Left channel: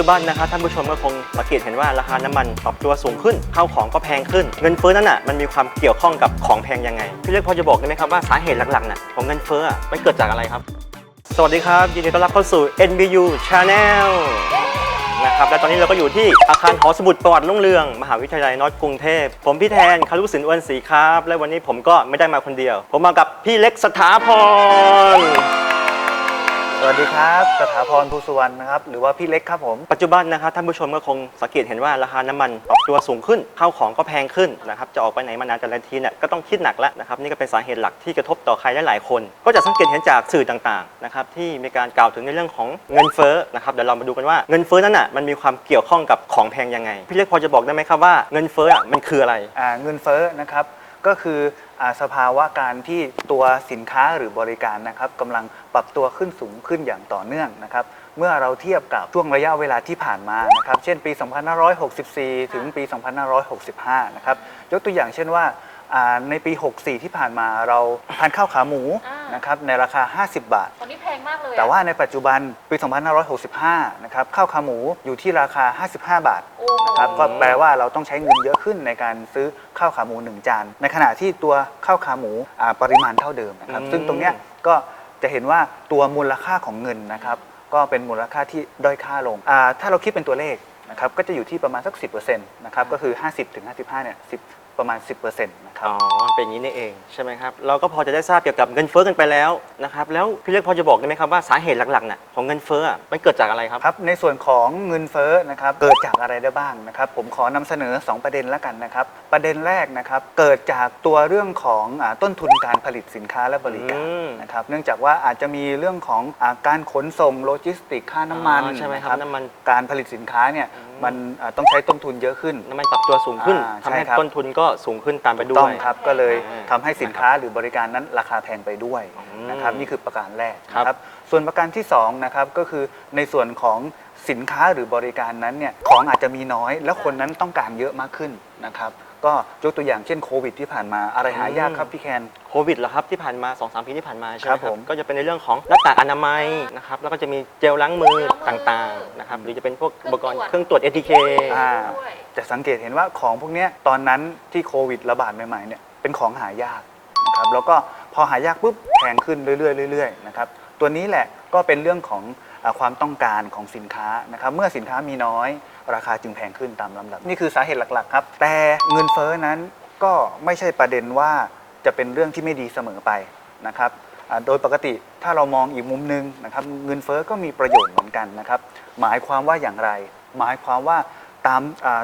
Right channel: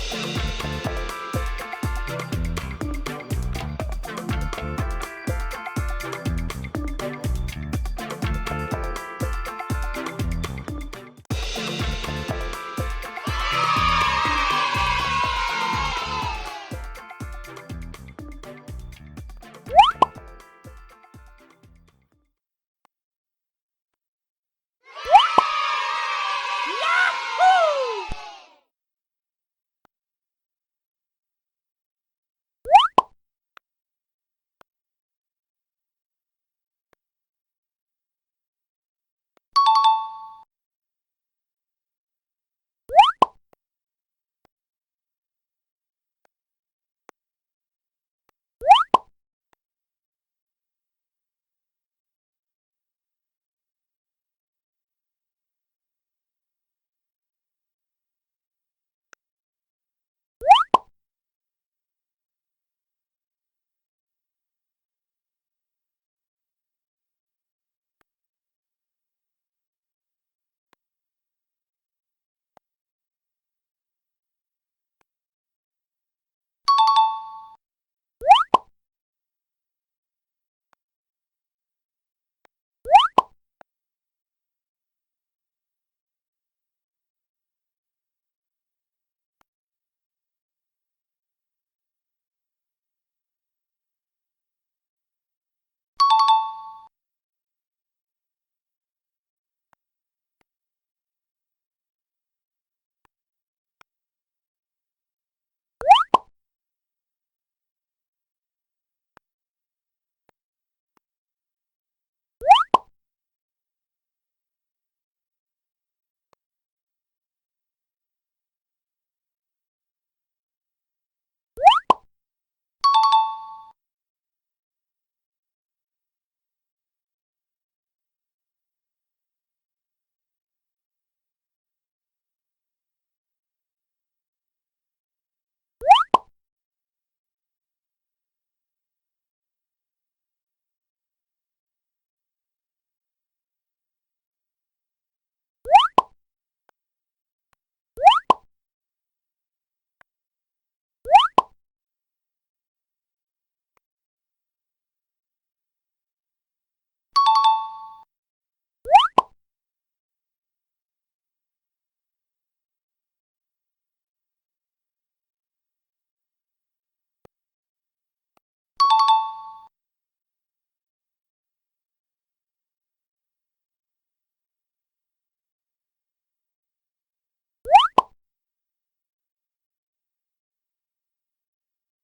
จุบันนะครับท่านผู้ชมก็คงสังเกตเห็นว่าราคาน้ำมันปรับตัวสูงขึ้นข้าวของก็แพงขึ้น เงินเฟ้อนั้นอะมันมีความเกี่ยวข้องกับของแพงยังไงพี่เล็กพอจะบอกได้ไหมครับว่าสาเหตุหลักๆน่ะของเงินเฟ้ออะมันเกิดจากอะไรครับ สวัสดีครับยินดีต้อนรับเข้าสู่ NBU Channel นะครับและตอนนี้เราก็อยู่ที่อาคารหอสมุดประวัติรุ่งเรือง มหาวิทยาลัยนอตกรุงเทพ ผมพี่แทนคารุสินอ้วนศรีครับ และวันนี้ผมก็ไม่ได้มาคนเดียว ผมมากับพี่เล็กสถาพร สวัสดีครับสถาพรภูสุวรรณนะครับ หรือว่าพี่เล็กครับผม ปัจจุบันนะครับท่านผู้ชมก็คงสังเกตเห็นว่าราคาน้ำมันปรับตัวสูงขึ้นข้าวของก็แพงขึ้นนะครับ จะออกไปไหนมานานแต่ละทีเนี่ยก็ต้องคิดหนักแล้วนะครับ นี่ก็เป็นสาเหตุหลักที่กระทบต่อใครหลายๆคน ก็จะสังเกตเห็นจากสื่อต่างๆนะครับที่มีการกล่าวถึงในเรื่องของเงินเฟ้อนะครับเดี๋ยวเรามาดูกันว่าเงินเฟ้อนั้นอะมันมีความเกี่ยวข้องกับของแพงยังไง พี่เล็กพอจะบอกได้ไหมครับว่าเงินเฟ้ออะมันคืออะไร อ่าเงินเฟ้อนะครับ ก็คืออสภาวะการที่ตัวสินค้าหรือบริการนะครับกำลังปรับตัวขึ้นสูงขึ้นอย่างต่อเนื่องนะครับ เมื่อเราเทียบกับช่วงระยะเวลาที่ผ่านมานะครับ เช่นปี 2564 ถึงปี 2565 นะครับ ยกตัวอย่างเช่นว่า อ่าในปี 64 ที่ผ่านมาเราทานข้าวขาหมูอ่าน นะครับในราคา 50 บาท ตอนนี้แพงมากเลยอะแต่ว่าในปัจจุบันปี 2565 นะครับข้าวขาหมูอยู่ที่ราคา 55 บาท โอ้โหครับก็แปลว่าเราต้องใช้เงินเยอะขึ้นในการซื้อข้าวขาหมู 1 จาน ในขณะที่ตัวข้าวขาหมูอ่าปริมาณเท่าเดิมนะครับ อืม ซึ่งตรงเนี้ยก็จะเห็นว่าตัวมูลค่าของเงินนะครับ ก็เป็นมูลค่าที่ด้อยค่าลงอ่าถ้าเราคิดเป็นตัวเลขนะครับก็จะอยู่ที่ประมาณสัก 10%นะครับก็คือ 50ถึง55เนี่ย10 ประมาณ 10%นะครับ อ๋อเป็นอย่างนี้นี่เองใช่ไหมครับเราก็พอจะได้ทราบเกี่ยวกับเงินเฟ้อกันไปแล้วนะครับแล้วพี่เล็กพอจะบอกได้ไหมครับว่าสาเหตุหลักๆน่ะของเงินเฟ้ออะมันเกิดจากอะไรครับ ครับในส่วนของเงินเฟ้อนะครับเกิดจากอะไรได้บ้างนะครับ ผมขอนำเสนอ 2 ประเด็นแล้วกันนะครับ ประเด็นแรกนะครับเกิดจากตัวเรื่องของอาต้นทุนการผลิตสินค้าและบริการอืมนะครับเนื่องจากว่าอาจจะมีเรื่องของอาการขนส่งโลจิสติกค่าน้ำมันอ๋อใช่ไหมครับะน้ำมัน การผลิตสินค้าเนี่ยอื มมันอ่าต้องใช้ต้นทุนเยอะขึ้น น้ำมันปรับตัวสูงขึ้นอ่าทำให้ใช่ครับ ต้นทุนก็สูงขึ้นตามไปด้ต้วองย ครับก็เลยอ่าทำให้สินค้าหรือบริการนั้นราคาแพงไปด้วยอืมนะครับนี่คือประการแรกครับนะครับส่วนประการที่สองนะครับก็คือในส่วนของสินค้าหรือบริการนั้นเนี่ยของอาจจะมีน้อย แล้วคนนั้นต้องการเยอะมากขึ้นนะครับ ก็ยกตัวอย่างเช่นโควิดที่ผ่านมาอะไรหายากครับพี่แคน โควิดเหรอครับที่ผ่านมา2อสปีที่ผ่านมาใช่ไหมคครัรับบผมก็จะเป็นในเรื่องของหน้ากากอนามัยนะครับแล้วก็จะมีเจลล้างมือต่างๆนะครับหรือจะเป็นพวกอุปกรณ์เครื่องตรวจ ATK อ่า ด้วยจะสังเกตเห็นว่าของพวกเนี้ยตอนนั้นที่โควิดระบาดใหม่ๆเนี่ยเป็นของหายากนะครับแล้วก็พอหายากปุ๊บแพงขึ้นเรื่อยๆเรื่อยๆนะครับ ตัวนี้แหละก็เป็นเรื่องของอความต้องการของสินค้านะครับเมื่อสินค้ามีน้อย ราคาจึงแพงขึ้นตามลำดับ นี่คือสาเหตุหลักๆครับ แต่เงินเฟ้อนั้นก็ไม่ใช่ประเด็นว่าจะเป็นเรื่องที่ไม่ดีเสมอไปนะครับโดยปกติถ้าเรามองอีกมุมหนึงนะครับเงินเฟ้อก็มีประโยชน์เหมือนกันนะครับหมายความว่าอย่างไร หมายความว่าตาม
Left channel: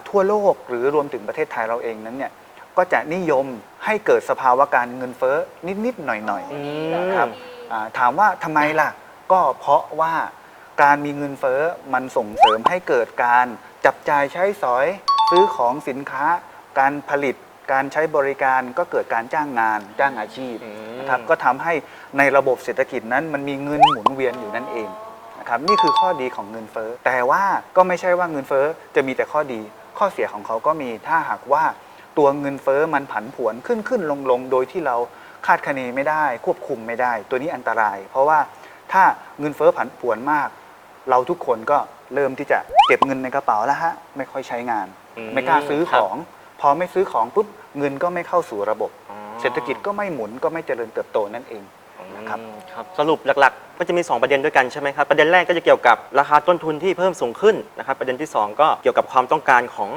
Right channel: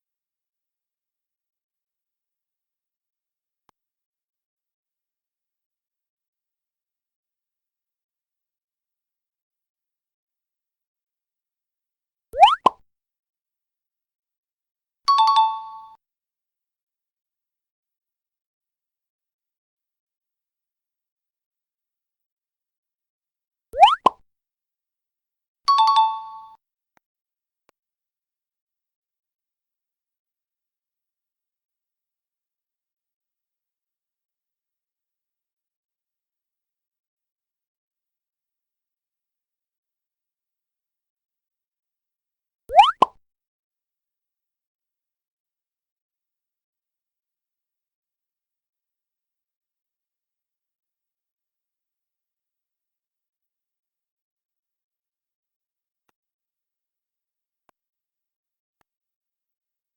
ทั่วโลกหรือรวมถึงประเทศไทยเราเองนั้นเนี่ยก็จะนิยมให้เกิดสภาวะการเงินเฟ้อนิดๆหน่อยๆอืครับ อ่าถามว่าทำไมล่ะ ก็เพราะว่าการมีเงินเฟ้อมันส่งเสริมให้เกิดการจับจ่ายใช้สอย ซื้อของสินค้า การผลิต การใช้บริการก็เกิดการจ้างงานจ้างอาชีพอืมนะครับก็ทำให้ในระบบเศรษฐกิจนั้นมันมีเงินหมุนเวียนอยู่นั่นเองนะครับนี่คือข้อดีของเงินเฟ้อแต่ว่าก็ไม่ใช่ว่าเงินเฟ้อจะมีแต่ข้อดี ข้อเสียของเขาก็มีถ้าหากว่าตัวเงินเฟ้อมันผันผวนขึ้นขึ้นลงลงโดยที่เรา คาดคะเนไม่ได้ ควบคุมไม่ได้ ตัวนี้อันตราย เพราะว่าถ้าเงินเฟ้อผันผวนมาก เราทุกคนก็เริ่มที่จะเก็บเงินในกระเป๋าแล้วฮะไม่ค่อยใช้งาน อืมไม่กล้าซื้อคขรับ อง พอไม่ซื้อของปุ๊บเงินก็ไม่เข้าสู่ระบบ อ๋อเศรษฐกิจก็ไม่หมุนก็ไม่เจริญเติบโตนั่นเอง นะครับ อืมครับสรุปหลักๆ ก็จะมี 2 ประเด็นด้วยกันใช่ไหมครับ ประเด็นแรกก็จะเกี่ยวกับราคาต้นทุนที่เพิ่มสูงขึ้นนะครับ ประเด็นที่ 2 ก็เกี่ยวกับความต้องการของ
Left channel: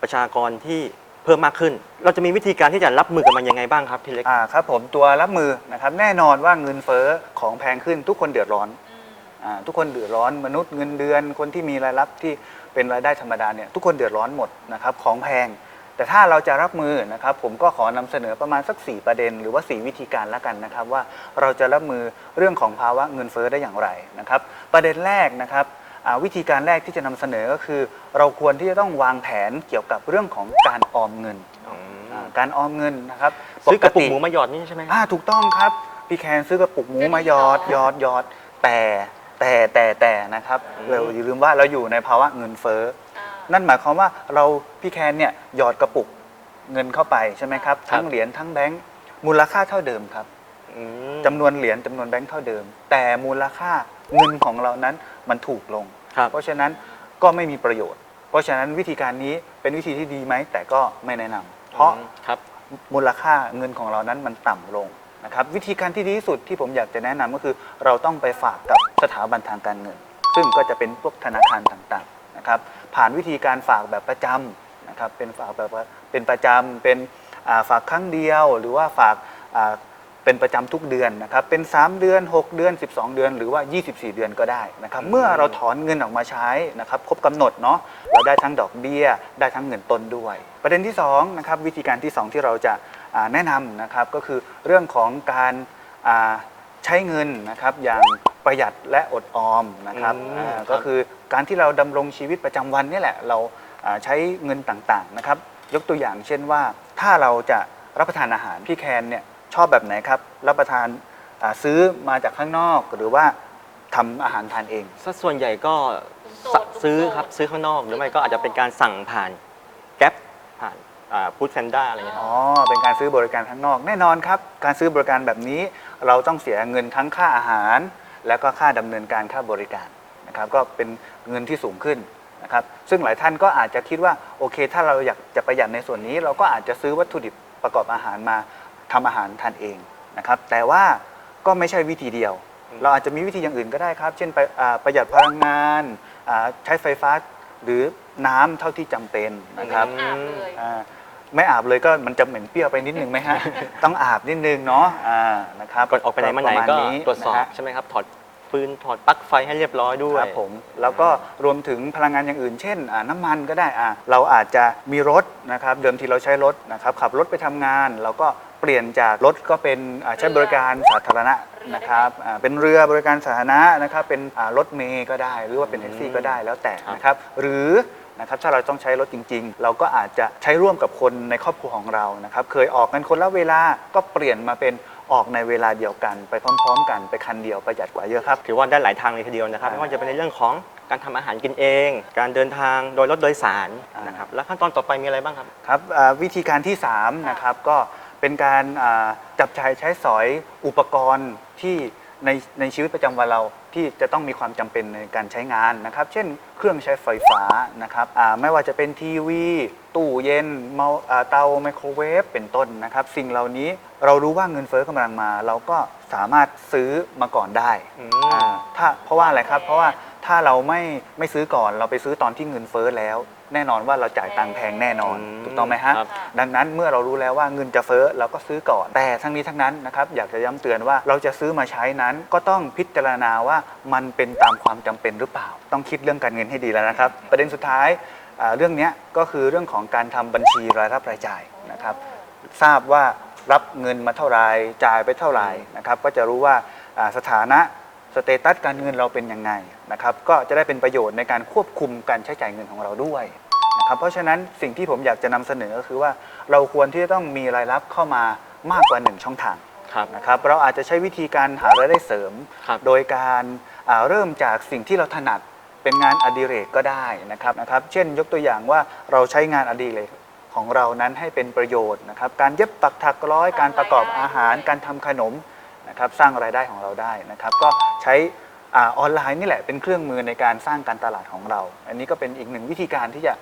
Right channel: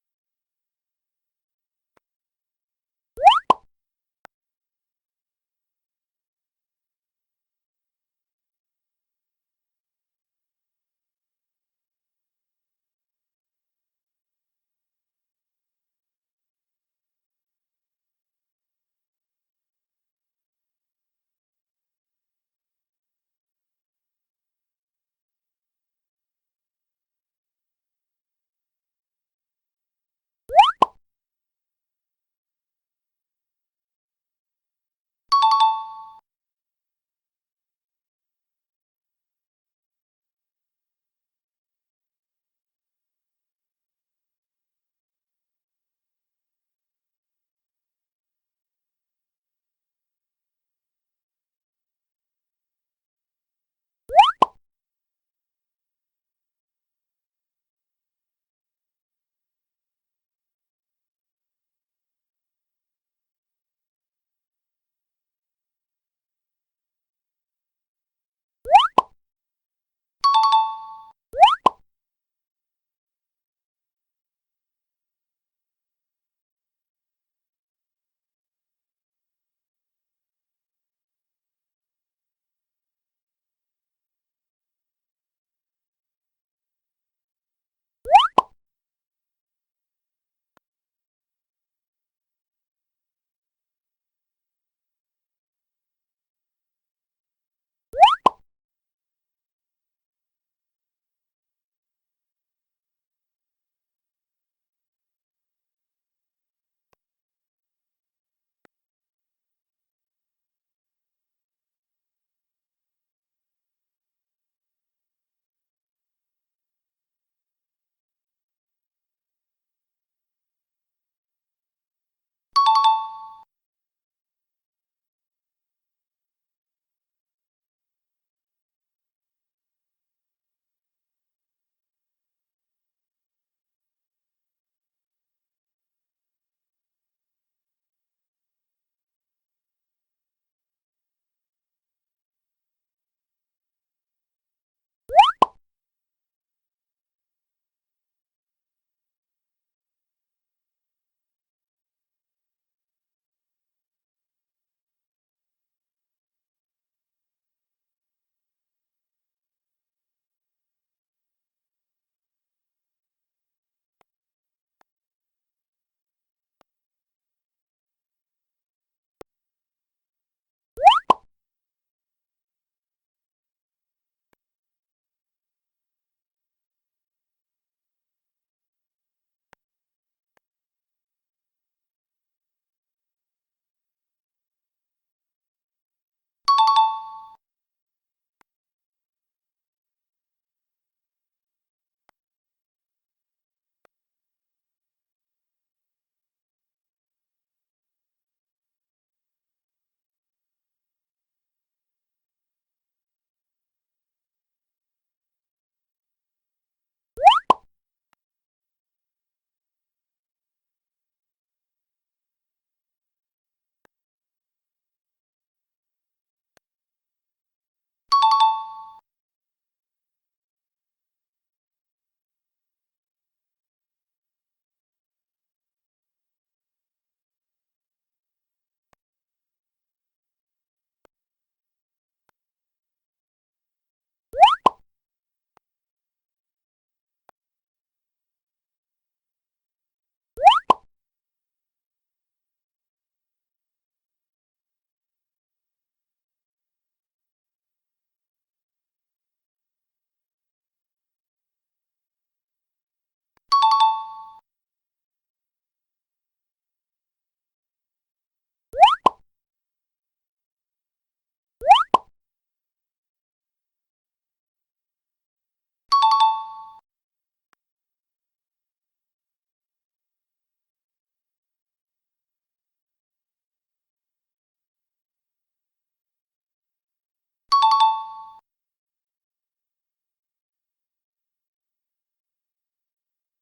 ประชากรที่ เพิ่มมากขึ้น เราจะมีวิธีการที่จะรับมือกับมันยังไงบ้างครับพี่เล็ก อ่าครับผมตัวรับมือนะครับแน่นอนว่าเงินเฟ้อของแพงขึ้นทุกคนเดือดร้อนอืมอ่าทุกคนเดือดร้อนมนุษย์เงินเดือน คนที่มีรายรับที่เป็นรายได้ธรรมดาเนี่ยทุกคนเดือดร้อนหมดนะครับของแพง แต่ถ้าเราจะรับมือนะครับผมก็ขอนำเสนอประมาณสัก 4 ประเด็น หรือว่า 4 วิธีการแล้วกันนะครับว่าเราจะรับมือเรื่องของภาวะเงินเฟ้อได้อย่างไรนะครับ ประเด็นแรกนะครับอ่า วิธีการแรกที่จะนำเสนอก็คือ เราควรที่จะต้องวางแผนเกี่ยวกับเรื่องของการออมเงินอ่าการออมเงนนะครับซื้อกระปุกติหมูมาหยอดนี่ใช่ไหมอ่าถูกต้องครับพี่แคนซื้อกระปุกหมูมาหยอดหยอดหยอดแต่แต่แต่แต่นะครับอืมเราอย่าลืมว่าเราอยู่ในภาวะเงินเฟ้ออ่านั่นหมายความว่าเราพี่แคนเนี่ยหยอดกระปุกเงินเข้าไปใช่ไหมครับครับทั้งเหรียญทั้งแบงค์มูลค่าเท่าเดิมครับอืมจำนวนเหรียญจำนวนแบงค์เท่าเดิม แต่มูลค่า เงินของเรานั้นมันถูกลง ครับ เพราะฉะนั้นก็ไม่มีประโยชน์ เพราะฉะนั้นวิธีการนี้เป็นวิธีที่ดีไหมแต่ก็ไม่แนะนำเพราะอืมครับ มูลค่าเงินของเรานั้นมันต่ำลงนะครับวิธีการที่ดีที่สุดที่ผมอยากจะแนะนำก็คือ เราต้องไปฝากกับสถาบันทางการเงิน ซึ่งก็จะเป็นพวกธนาคารต่างๆนะครับผ่านวิธีการฝากแบบประจำนะครับเป็นฝากแบบว่าเป็นประจำเป็นอ่าฝากครั้งเดียว หรือว่าฝากอ่า เป็นประจำทุกเดือนนะครับเป็น 3 เดือน 6 เดือน 12 เดือน หรือว่า 24 เดือนก็ได้นะครับเมื่อเราถอนเงินออกมาใช้นะครับครบกำหนดเนาะเราได้ทั้งดอกเบี้ย ได้ทั้งเงินต้นด้วย ประเด็นที่2นะครับวิธีการที่ 2 ที่เราจะอ่าแนะนำนะครับก็คือเรื่องของการอ่าใช้เงินนะครับอย่างประหยัดและอดออมนะครับอืมอ่าครับก็คือการที่เราดำรงชีวิตประจำวันนี่แหละเราอ่าใช้เงินต่างๆนะครับยกตัวอย่างเช่นว่าถ้าเราจะรับประทานอาหารพี่แคนเนี่ย ชอบแบบไหนครับ รับประทานอ่าซื้อมาจากข้างนอกหรือว่าทำอาหารทานเอง สัดส่วนใหญ่ก็โสดซื้อโสดครับซื้อข้างนอก หรือไม่ก็อาจจะเป็นการสั่งผ่านแก๊ปผ่านฟู้ดแพนด้าอะไรเงี้ยคอ๋รับอเป็นการซื้อบริการข้างนอก แน่นอนครับ การซื้อบริการแบบนี้ เราต้องเสียเงินทั้งค่าอาหาร แล้วก็ค่าดำเนินการค่าบริการนะครับ ก็เป็นเงินที่สูงขึ้นนะครับ ซึ่งหลายท่านก็อาจจะคิดว่าโอเค ถ้าเราอยากจะประหยัดในส่วนนี้ เราก็อาจจะซื้อวัตถุดิบประกอบอาหารมา ทำอาหารทานเองนะครับแต่ว่าก็ไม่ใช่วิธีเดียว เราอาจจะมีวิธีอย่างอื่นก็ได้ครับ เช่นไปอ่าประหยัดพลังงานอ่าใช้ไฟฟ้าหรือน้ำเท่าที่จำเป็นนะครับอาบเลยอ่าไม่อาบเลยก็มันจะเหม็นเปรี้ยวไปนิดนึงไหมฮะ ต้องอาบนิดนึงเนาะอ่านะครับก่อนออกไปไหนมาไหนประก็ณนี้ตรวจสอบนะฮะ ใช่ไหมครับถอดฟืนถอดปลั๊กไฟให้เรียบร้อยด้วย ครับผมแล้วก็รวมถึงพลังงานอย่างอื่น เช่นอ่าน้ำมันก็ได้อ่าเราอาจจะมีรถนะครับเดิมทีเราใช้รถนะครับขับรถไปทำงาน เราก็ เปลี่ยนจากรถก็เป็นอ่าใช้บริการสาธารณะนะครับอ่าเป็นเรือบริการสาธารณะนะครับเป็นอ่ารถเมย์ก็ได้ หรือว่าเป็นแท็กซี่ก็ได้แล้วแต่ครับนะครับหรือนะครับถ้าเราต้องใช้รถจริง ๆ เราก็อาจจะใช้ร่วมกับคนในครอบครัวของเรานะครับเคยออกกันคนละเวลาก็เปลี่ยนมาเป็นออกในเวลาเดียวกัน ไปพร้อม ๆ กันไปคันเดียวประหยัดกว่าเยอะครับ ถือว่าได้หลายทางเลยทีเดียวนะครับอ่าไม่ว่าจะเป็นในเรื่องของการทำอาหารกินเอง การเดินทางโดยรถโดยสารอ่านนะครับ แล้วขั้นตอนต่อไปมีอะไรบ้างครับ ครับอ่าวิธีการที่3นะครับก็ เป็นการอ่าจับใช้ใช้สอยอุปกรณ์ที่ในในชีวิตประจำวันเราที่จะต้องมีความจำเป็นในการใช้งานนะครับ เช่น เครื่องใช้ไฟฟ้านะครับอ่าไม่ว่าจะเป็นทีวี ตู้เย็นเมาอ่าเตาไมโครเวฟเป็นต้นนะครับ สิ่งเหล่านี้เรารู้ว่าเงินเฟ้อกำลังมา เราก็สามารถซื้อมาก่อนได้อ่าถ้าเพราะว่าอะไรครับ เพราะว่า ถ้าเราไม่ไม่ซื้อก่อนเราไปซื้อตอนที่เงินเฟ้อแล้ว แน่นอนว่าเราจ่ายตังค์แพงแน่นอน อืมถูกต้องไหมฮะ ครับ ดังนั้นเมื่อเรารู้แล้วว่าเงินจะเฟ้อเราก็ซื้อก่อน แต่ทั้งนี้ทั้งนั้นนะครับอยากจะย้ำเตือนว่าเราจะซื้อมาใช้นั้น ก็ต้องพิจารณาว่ามันเป็นตามความจำเป็นหรือเปล่า ต้องคิดเรื่องการเงินให้ดีแล้วนะครับ ประเด็นสุดท้ายอ่าเรื่องเนี้ยก็คือเรื่องของการทำบัญชีรายรับรายจ่ายนะครับ ทราบว่ารับเงินมาเท่าไหรจ่ายไปเท่าไหร่นะครับ ก็จะรู้ว่าอ่าสถานะ สเตตัสการเงินเราเป็นยังไงนะครับก็จะได้เป็นประโยชน์ในการควบคุมการใช้จ่ายเงินของเราด้วยนะครับเพราะฉะนั้นสิ่งที่ผมอยากจะนำเสนอก็คือว่าเราควรที่จะต้องมีรายรับเข้ามามากกว่าหนึ่งช่องทางครับนะครับเราอาจจะใช้วิธีการหารายได้เสริมครับโดยการอ่าเริ่มจากสิ่งที่เราถนัดเป็นงานอดิเรกก็ได้นะครับนะครับ เช่นยกตัวอย่างว่าเราใช้งานอดิเรกของเรานั้นให้เป็นประโยชน์นะครับการเย็บปักถักร้อยการประกอบอาหารการทำขนม นะครับสร้างรายได้ของเราได้นะครับ ก็ใช้อาออนไลน์นี่แหละเป็นเครื่องมือในการสร้างการตลาดของเรา อันนี้ก็เป็นอีกหนึ่งวิธีการที่จะ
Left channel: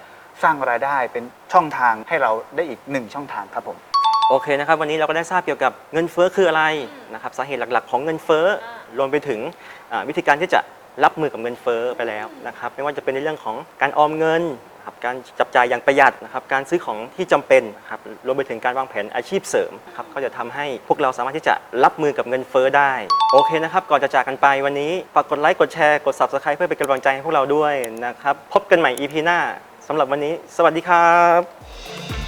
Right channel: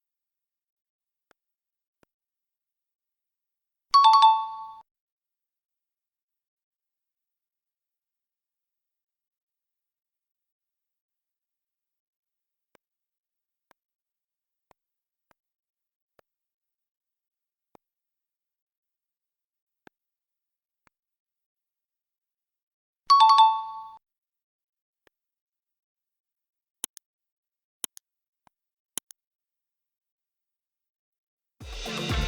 สร้างรายได้เป็นช่องทางให้เราได้อีกหนึ่งช่องทางครับผมโอเคนะครับวันนี้เราก็ได้ทราบเกี่ยวกับเงินเฟ้อคืออะไรนะครับสาเหตุหลักๆ ของเงินเฟ้อรวมไปถึงอ่าวิธีการที่จะ รับมือกับเงินเฟ้อไปแล้วนะครับไม่ว่าจะเป็นในเรื่องของการออมเงินครับการจับจ่ายอย่างประหยัดนะครับการซื้อของที่จำเป็นครับรวมไปถึงการวางแผนอาชีพเสริมครับก็จะทำให้พวกเราสามารถที่จะรับมือกับเงินเฟ้อได้โอเคนะครับก่อนจะจากกันไปวันนี้ฝากกดไลค์กดแชร์กด subscribe เพื่อเป็นกำลังใจให้พวกเราด้วยนะครับพบกันใหม่ EP หน้าสำหรับวันนี้ สวัสดีครับ